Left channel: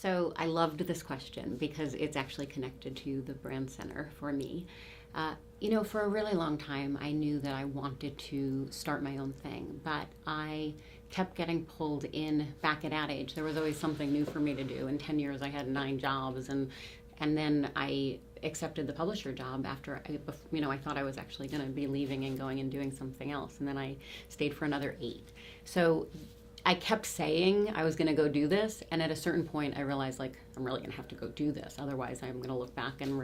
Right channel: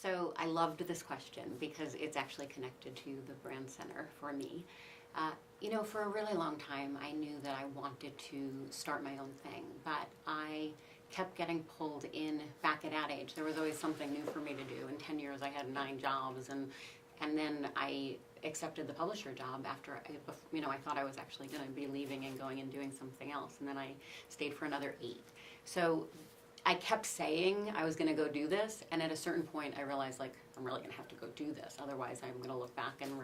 So I loved this question because it's actually connected to the brand center for me. For a really long time, I knew that I wanted to start my own thing, but I kept getting pulled in back at Ad Age. There was always something new for me to do. In 10 years, I had 9 jobs, and then I accepted the publisher job after, I thought I was actually going to be leaving and going and doing something else, and then I stayed for another 8. So I kept saying I was going to go do this, and at a certain point I realized, I'm really going to have to go do this. Otherwise, I'm going to look back and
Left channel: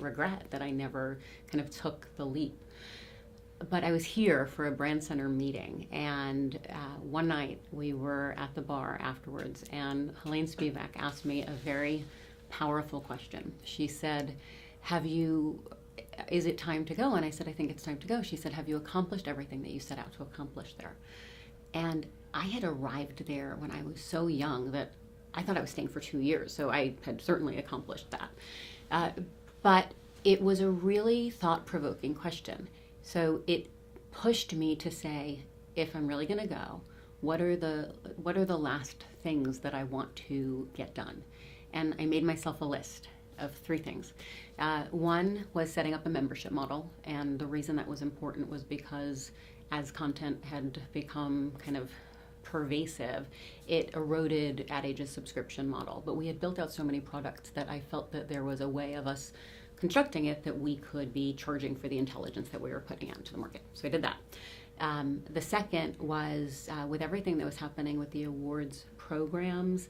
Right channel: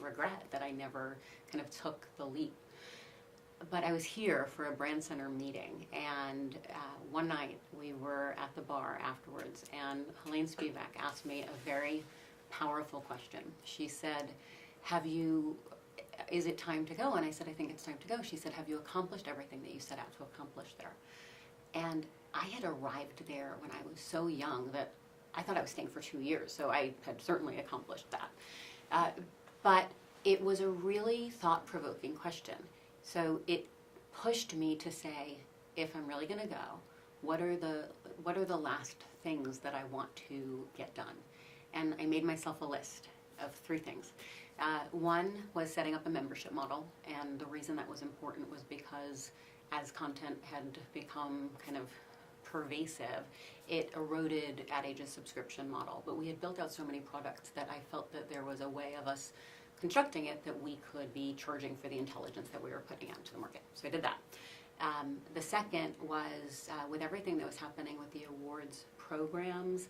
regret that I never kind of took the leap. But I was here for a brand center meeting, and one night we were at the bar afterwards, and Helene Spivak asked me a very powerful question. She said, is it time to go? And I said, I think it's time to go. She said, have you accomplished everything that you set out to accomplish there? And I had arrived there when I was so young that I thought I was staying for 2 years, so I had certainly accomplished that. But it was a really thought-provoking question. So it pushed me to say, if I'm really going to go, what are the last things that I want to get done? And I made myself a list of 3 things. One was setting up a membership model, and the reason that was important was because as content had become kind of pervasive, it eroded Ad Age's subscription model. But we had built out so many products that I felt that there was a way of us constructing it that we could be charging for the intelligence that we were putting out into the market. So I did that. The second was with everything that was happening with the awards programs,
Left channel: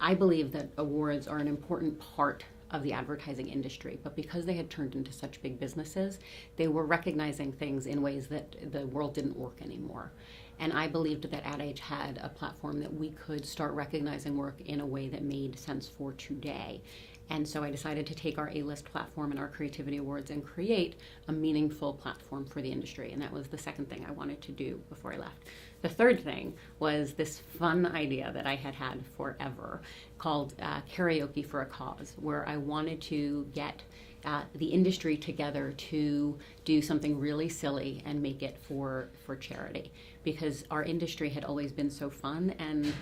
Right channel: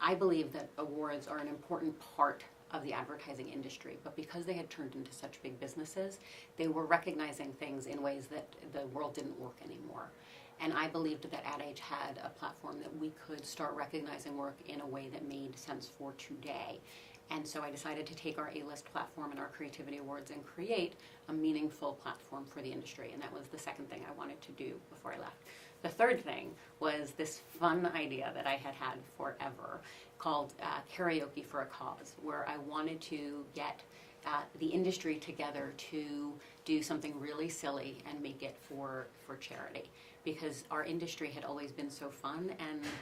I believe that awards are an important part of the advertising industry, but because they had turned into such big businesses, they were recognizing things in ways that the world didn't work anymore. And I believed that Ad Age had a platform that we could start recognizing work in a way that made sense for today. And so I decided to take our A-list platform and our creativity awards and create a meaningful platform for the industry. And that was the second thing I wanted to do before I left. The third thing was this fun idea that I had had forever called Karaoke for a Cause, where I wanted to get the industry together to do something really silly and make it for charity. Because our industry had always been so fun, and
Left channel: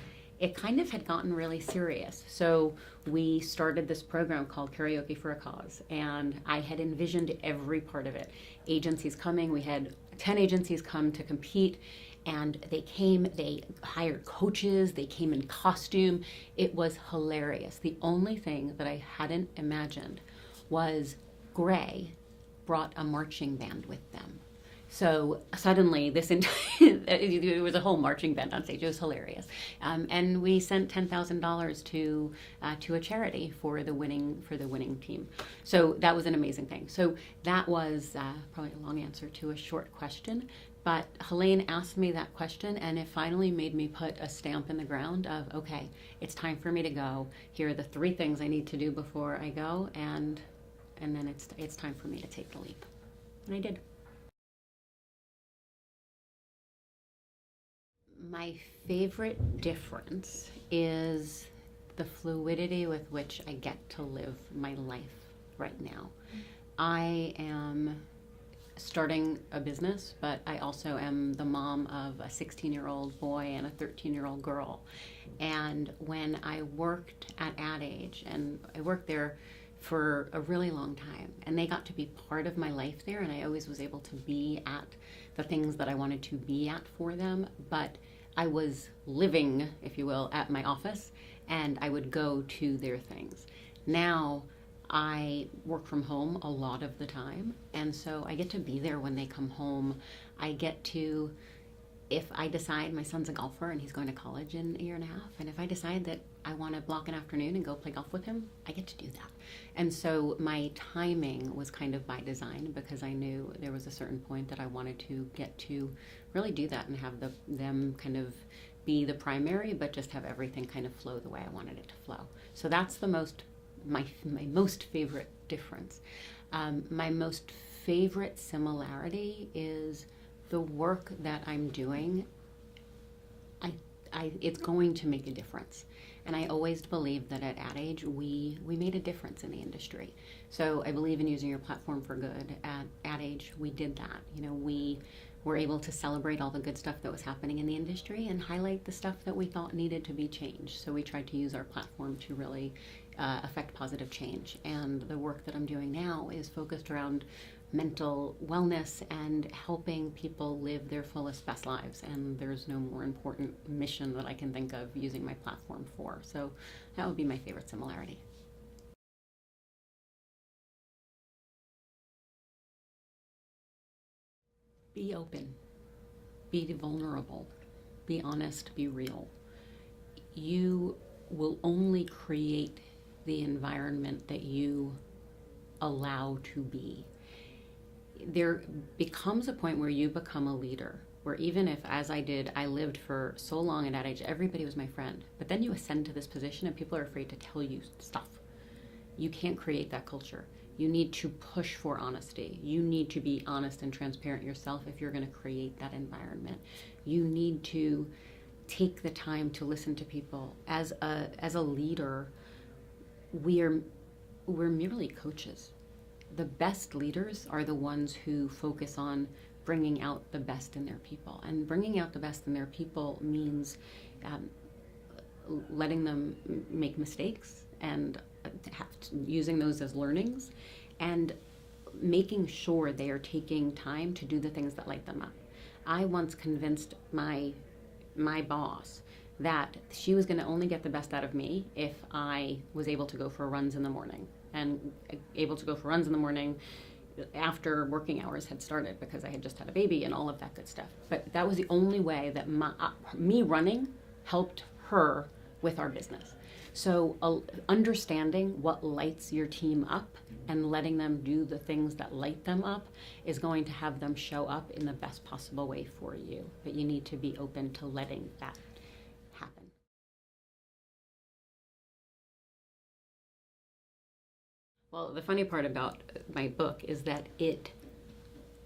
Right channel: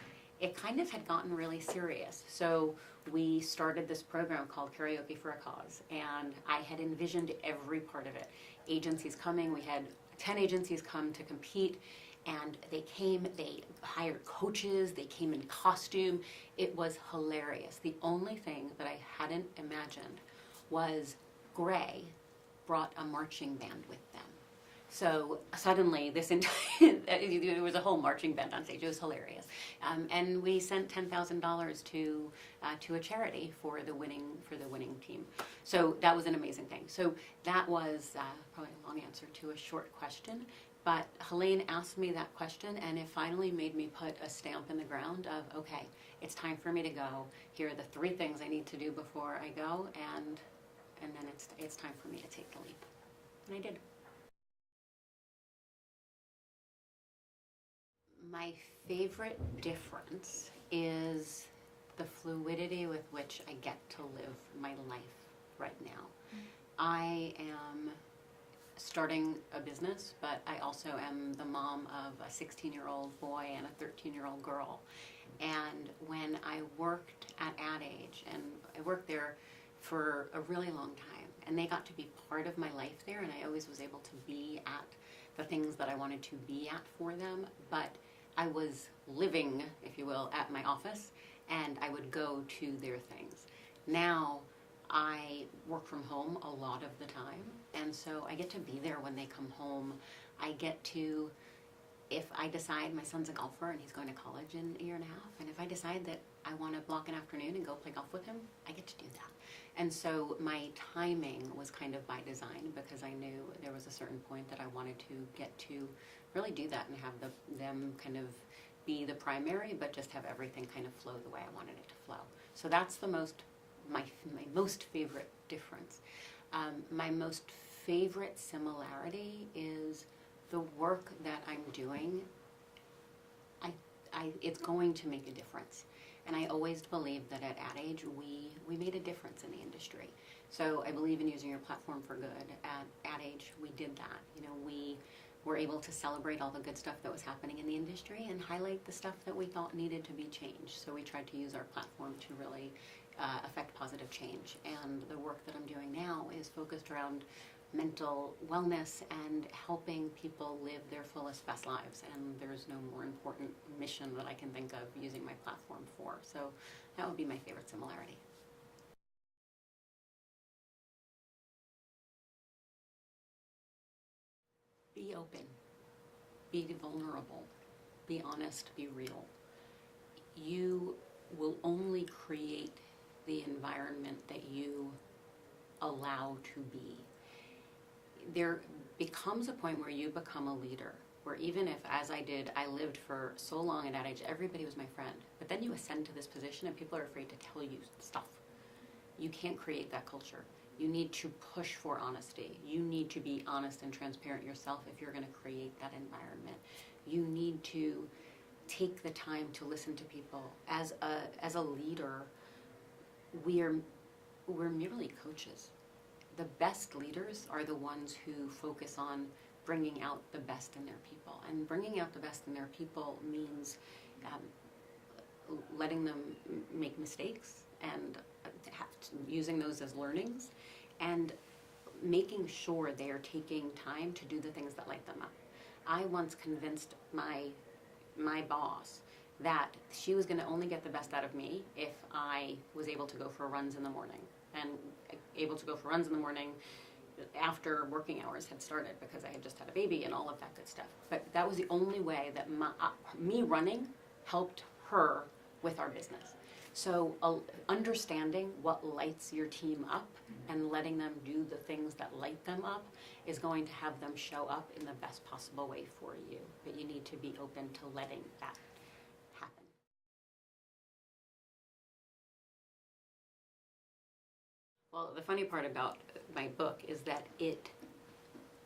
it kind of had gotten really serious. So we started this program called Karaoke for a Cause, and I had envisioned every part of it. Agencies coming, we had 10 agencies come to compete, and they came, they hired coaches, they came in costume. It was hilarious. The only thing that I hadn't imagined was Gray brought a marching band with them. So suddenly, it was a whole marching band on stage. It was hilarious, and we sent $10,000 to a charity for the winning team. So that was an amazing thing. So that was probably a long answer to a short question. But Helene asked me that question, and it finally made me put a stamp in the ground of, okay, it's time for me to go. Here are the 3 things I need to do before I go, and then it's time for me to take the leap. And I did. My favorite difference is the fluidity with which I get to live my life right now. I am starting a business, but I also am the mom of a 16-year-old boy and a 13-year-old girl. And when I worked at Ad Age, and I worked there for a really long time, and they got to be part of my life there, and I always was able to be at the things that I wanted to be at for them, but I was living, if you will, at my office, and I would go to their things. Now, I work from home a lot of the time, and so I get to be there when they come home. I get to, if I decide my son's a golfer and he's going to college in a year and a half, and if I decide that I want to block an afternoon and go play golf with him, I get to do that. And so my timing was kind of by design, because I knew there was a certain point that I wanted to get to really do that and have them kind of be the primary, but just have everything kind of flow the way I wanted it to flow. So that's my most favorite difference. My most favorite similarity is the work that I'm doing. It's going to make a difference. And I always believed that at Ad Age, we made a difference in the industry. So I believe in using your platform for good. At Ad Age, we did that. We were able to celebrate all the good stuff that was happening in the industry and highlight the stuff that we thought needed to be changed. So we tried to use our platform to really affect positive change. And the work that I'm doing now is focused around mental wellness and helping people live their fullest, best lives. And there's no more important mission that I can think of using my platform for. So that would be my favorite similarity. Be open, be vulnerable, be honest, be real. You will only create the environment that you allow to be. There becomes a point where you become a leader, where even if, as I did, I lived for so long at that age, everybody was my friend. But then you ascend to this position and people are afraid to tell you stuff. You can't create that culture. You need to push for honesty. You need to be honest and transparent yourself if you're going to create that environment. You need to take the time to listen to people. As a leader, we're merely coaches. The best leaders are the ones who focus on bringing out the best in their people. And bringing out the best in their people means letting them make mistakes and using those as learnings, and making sure they are taking time to do the things that light them up. I once convinced my boss that she was going to only get the best out of me if I was able to go for runs in the morning, and able to go for runs in the morning after working hours had started, because I had just had a baby and all of that good stuff. But that was the only way that me running helped her with our business. So understanding what lights your team up and letting them do the things that light them up is going to have them show up in the best possible way for you. But you need to be open to letting that happen. Well, the funny part about my book is that it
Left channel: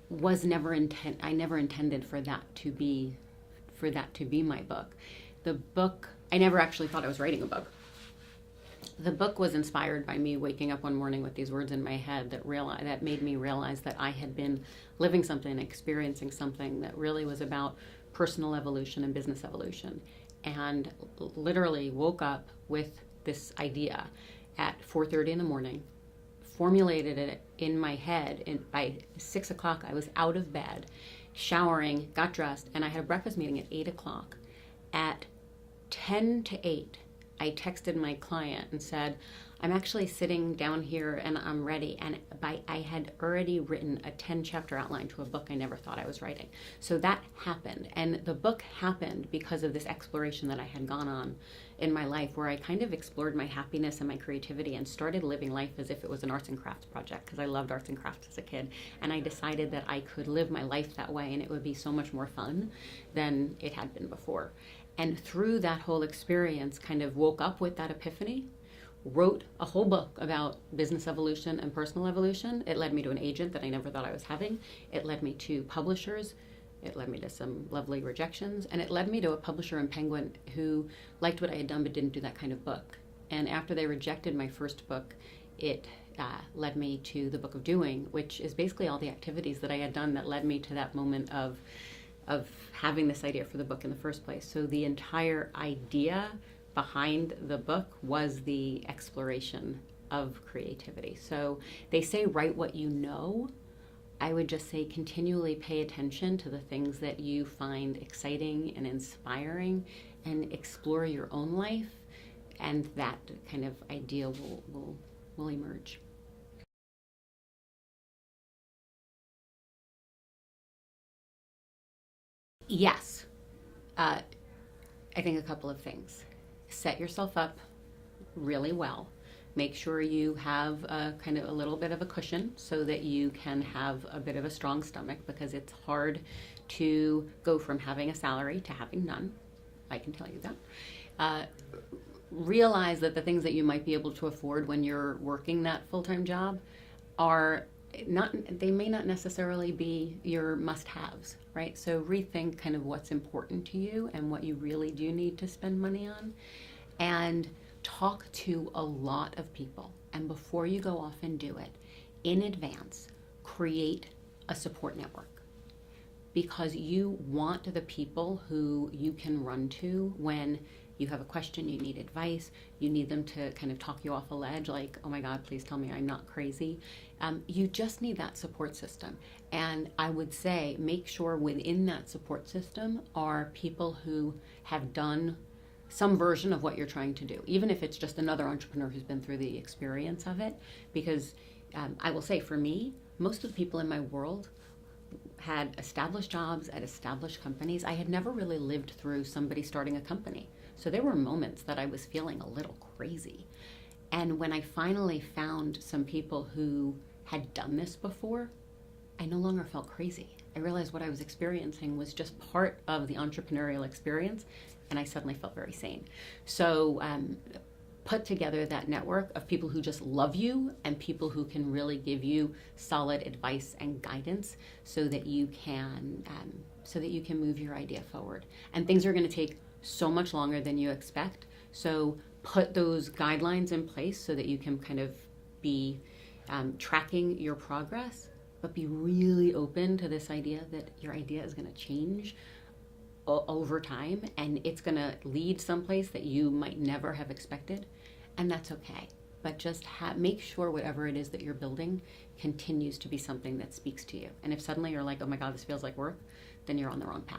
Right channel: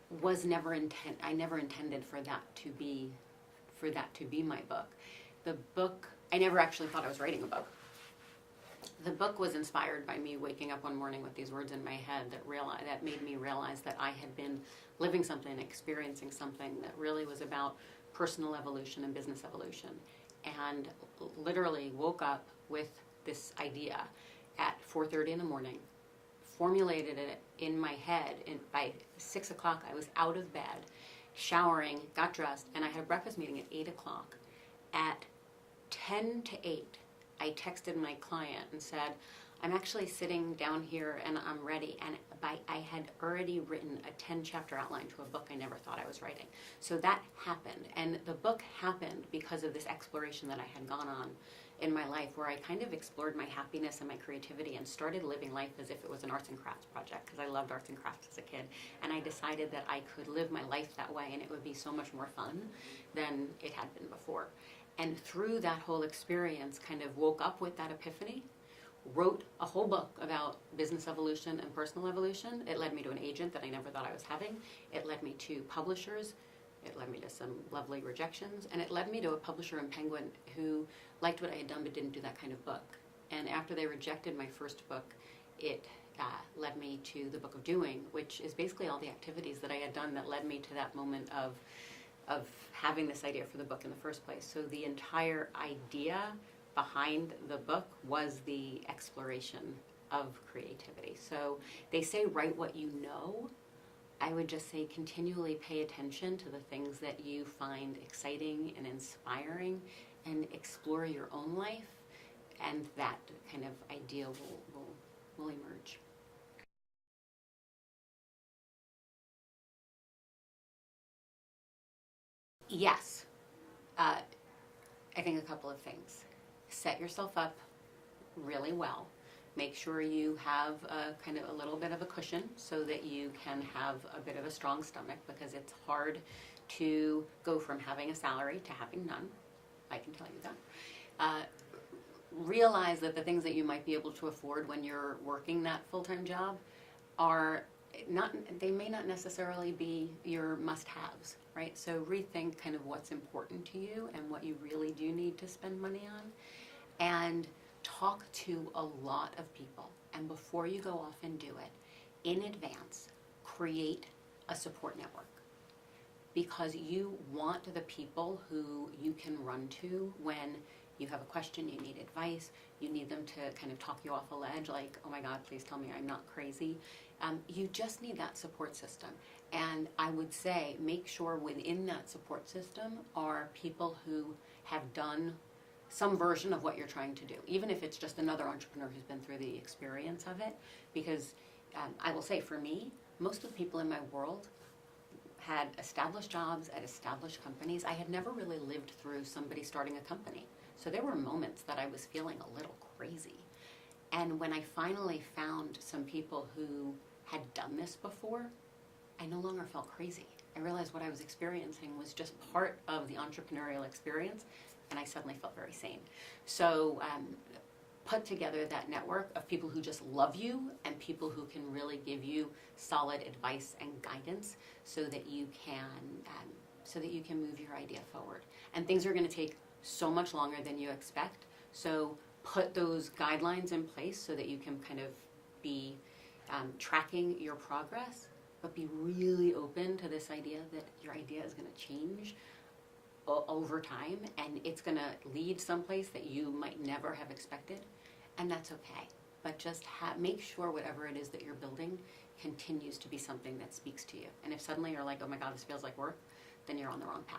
was never I never intended for that to be my book. The book, I never actually thought I was writing a book. The book was inspired by me waking up one morning with these words in my head that made me realize that I had been living something, experiencing something that really was about personal evolution and business evolution. And literally woke up with this idea at 4:30 in the morning, formulated it in my head, and by 6 o'clock I was out of bed, showering, got dressed, and I had a breakfast meeting at 8 o'clock. At 10 to 8, I texted my client and said, I'm actually sitting down here and I'm ready. And I had already written a 10-chapter outline to a book I never thought I was writing. So that happened. And the book happened because of this exploration that I had gone on in my life, where I kind of explored my happiness and my creativity and started living life as if it was an arts and crafts project, because I loved arts and crafts as a kid. And I decided that I could live my life that way and it would be so much more fun than it had been before. And through that whole experience, kind of woke up with that epiphany, wrote a whole book about business evolution and personal evolution. It led me to an agent that I never thought I was having. It led me to publishers. It led me to some lovely rejections. And it led me to a publisher in Penguin who liked what I had done but didn't do that kind of book. And after they rejected my first book, it led me to the Book of Doing, which is basically all the activities that I had done that led me to that moment of having this idea for the book in the first place. So the entire idea behind the book was the exploration of creativity. So they say write what you know. I would just say continually pay attention to the things that you find exciting and inspiring, and explore your own life, and that kind of idea will emerge. Yes. I think a couple of things. Set yourself up really well. Make sure you have a kind of a little bit of a cushion so that you can have a bit of a strong stomach, because it's hard to go from having a salary to having none. I can tell you that. Realize that the things that you might be able to afford when you're working that full-time job they may not necessarily be your must-haves, right? So rethink kind of what's important to you and what you really do need to spend money on, and talk to a lot of people. And before you go off and do it, in advance, create a support network. because you want the people who you can run to when you have a question, you need advice, you need them to kind of talk you off a ledge, like, oh my God, please tell me I'm not crazy. You just need that support system. And I would say make sure within that support system are people who have done some version of what you're trying to do, even if it's just another entrepreneur who's been through the experience of it. Because I will say, for me, most of the people in my world had established jobs at established companies. I had never really lived through somebody starting a company. So there were moments that I was feeling a little crazy. And when I finally found some people who had done this before, I no longer felt crazy. I realized what I was experiencing was just part of the entrepreneurial experience, and I suddenly felt very sane. So put together that network of people who just love you and people who can really give you solid advice and guidance so that you can move your idea forward. And things are going to take so much longer than you expect. So put those guidelines in place so that you can kind of be tracking your progress, but be really open to this idea that your idea is going to change over time, and it's going to lead someplace that you might never have expected, and that's okay. But just make sure whatever it is that you're building continues to be something that speaks to you. And if suddenly you're like, oh my God, this feels like work, then you're on the wrong path.